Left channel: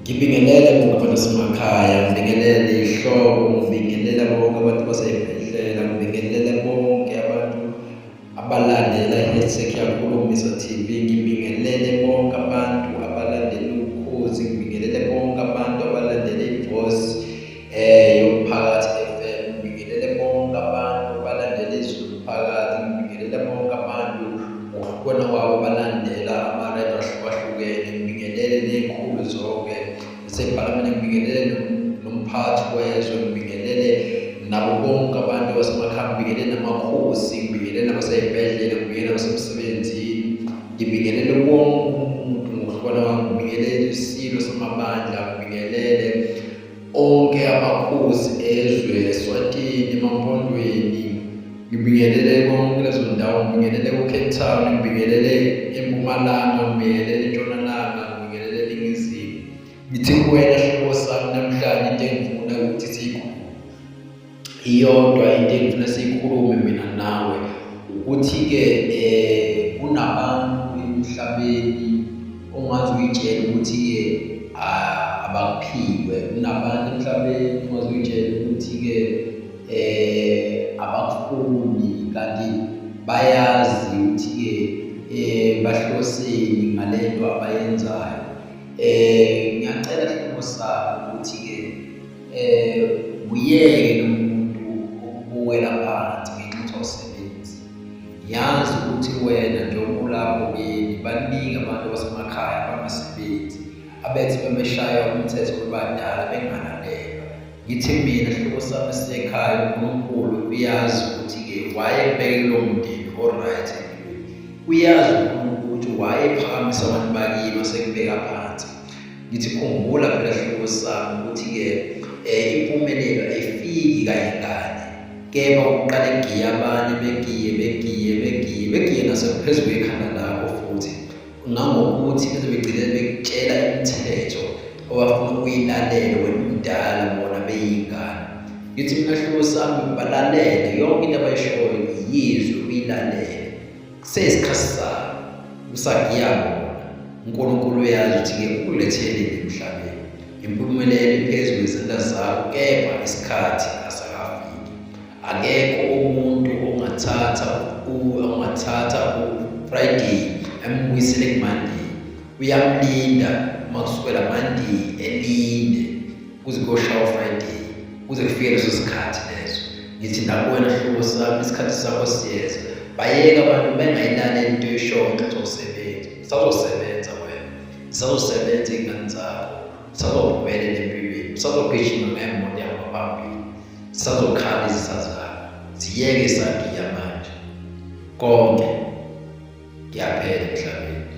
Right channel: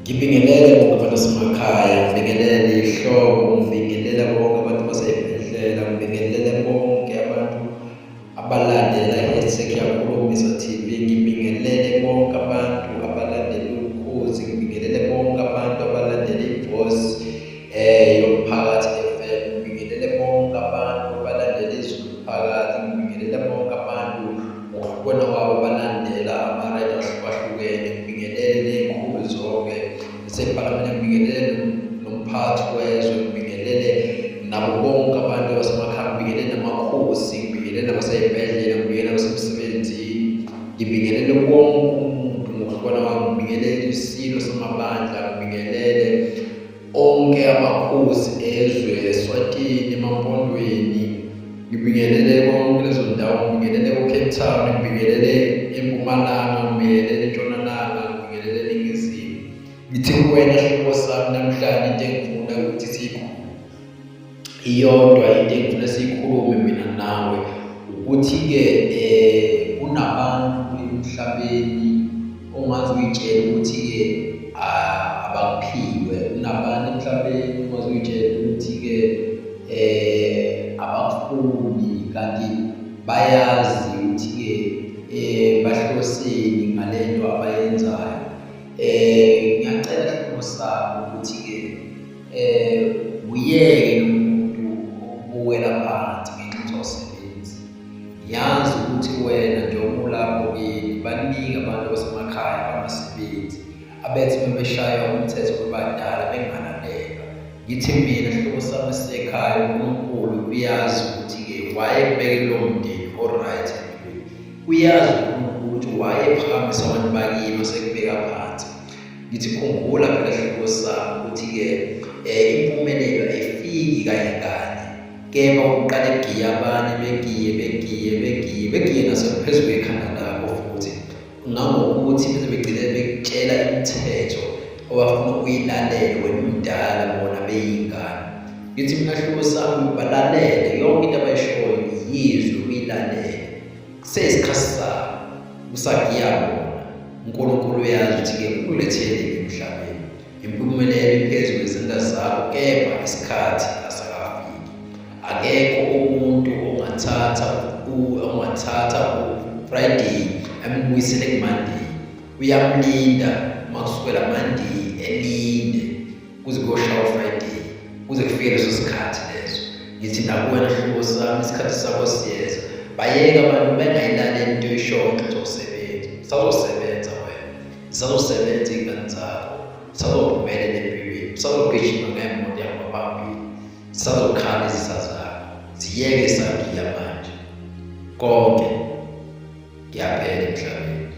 Ngibingelele bonke abantu basemakhaya, ngibingelele ihlobo, ngibingelela bonke abantu basey'bhedlela, ngibingelele bonke abantu abalandela i-Hashtag Yakhulumisa TV, ngibingelele bonke abantu abalandela Ukhozi, ngibingelele bonke abantu abalandela iVoice yomphakathi FM, ngibingelele bonke abantu abalandela iZulu Phakathi, ngibingelele bonke abantu ngokuhlukana kwabo abalandela ama-radio ahlukahlukene, ngibingelele ney'khulu zonke zasephalamende, ngibingelele nomphathi wezwe, ngibingelele nabo bonke abantu basemakhaya, ngibingelele namakhosi, ngibingelele nabasey'bhedlela, ngibingelele nabasemsebenzini, ngibingelele wonke umuntu ngokuhlukana kwami, ngibingelele isilo samabandla, ngibingelele onke amakhosi ezwe, eSwatini, emaMpondweni, ngibingelele konke lezo ndawo, ngibingelele ko-Cape Town, ngibingelele eMpumalanga, ngibingelele eNtshonalanga, ngibingelele eNingizimu. Ngithi kuwena hlobo sami namhlanje into engifuna ukuthi iyodwa into engifuna siyikhulume mina nawe ukuthi-ke kunabantu emhlabeni ongaze uy'tshele ukuthi-ke abakuphiwe, kunabantu emhlabeni ongaze uy'tshele ukuthi-ke abakufuni kanti bayazi ukuthi-ke bahloseni ngale nto abayenzayo. Ngiyacela hlobo sami ukuthi-ke uyeke nomuntu ukubukela phansi ngenxa awusebenzi. Ngiyazi ukuthi wena njengoba ulapho kini baningi abantu abasemakhaya abangasebenzi abethi bebeshaya umthetho bebadala bengalalelwa. Ngithi mina hlobo sami esisekhaya uNkulunkulu uyazi ukuthi-ke wayekubeke kulowo mndeni o-right empilweni. Uyazi uNkulunkulu ukuthi wayephakamisa abantu bakini wasekubeka phansi. Ngithi khumbula phela hlobo sami ukuthi-ke impumelelo ayifiki kanye kanye, kepha kuqala egiye abanye begiye nasephezu kwekhanda lakho futhi ngangokuthi beze begcine bekutshela imithetho owafuna uyilalele wena umdala bona beyingane. Ngithi mina hlobo sami balalele yonke into abayishoyo, yizwe uyilalele, kuseyisikhathi sabo usagiyabona. uNkulunkulu uyazi ukuthi-ke ukulethelile emhlabeni, impumelelo iphezu kwezandla zakho, kepha isikhathi asakafiki. Akekho umuntu ongathatha u-Friday ambuyisele kuMonday. Uyamlinda uma kusukela Monday elinde kuze kuyoshawa uFriday, kuze kufike leso sikhathi leso. Ngithi nakuwena hlobo sami isikhathi sakho siyeza. Bayeka abantu bengayilaleli into oyishoyo ngenxa yokusebenza. Usazosebenza wena, zisazosebenza iy'ngane zakho, usazophumelela empilweni, usazogijima ngemoto yakho phambili, zisazokhala izitha zakho. Ziyeke esagiya manje, konke kuyaphela emhlabeni.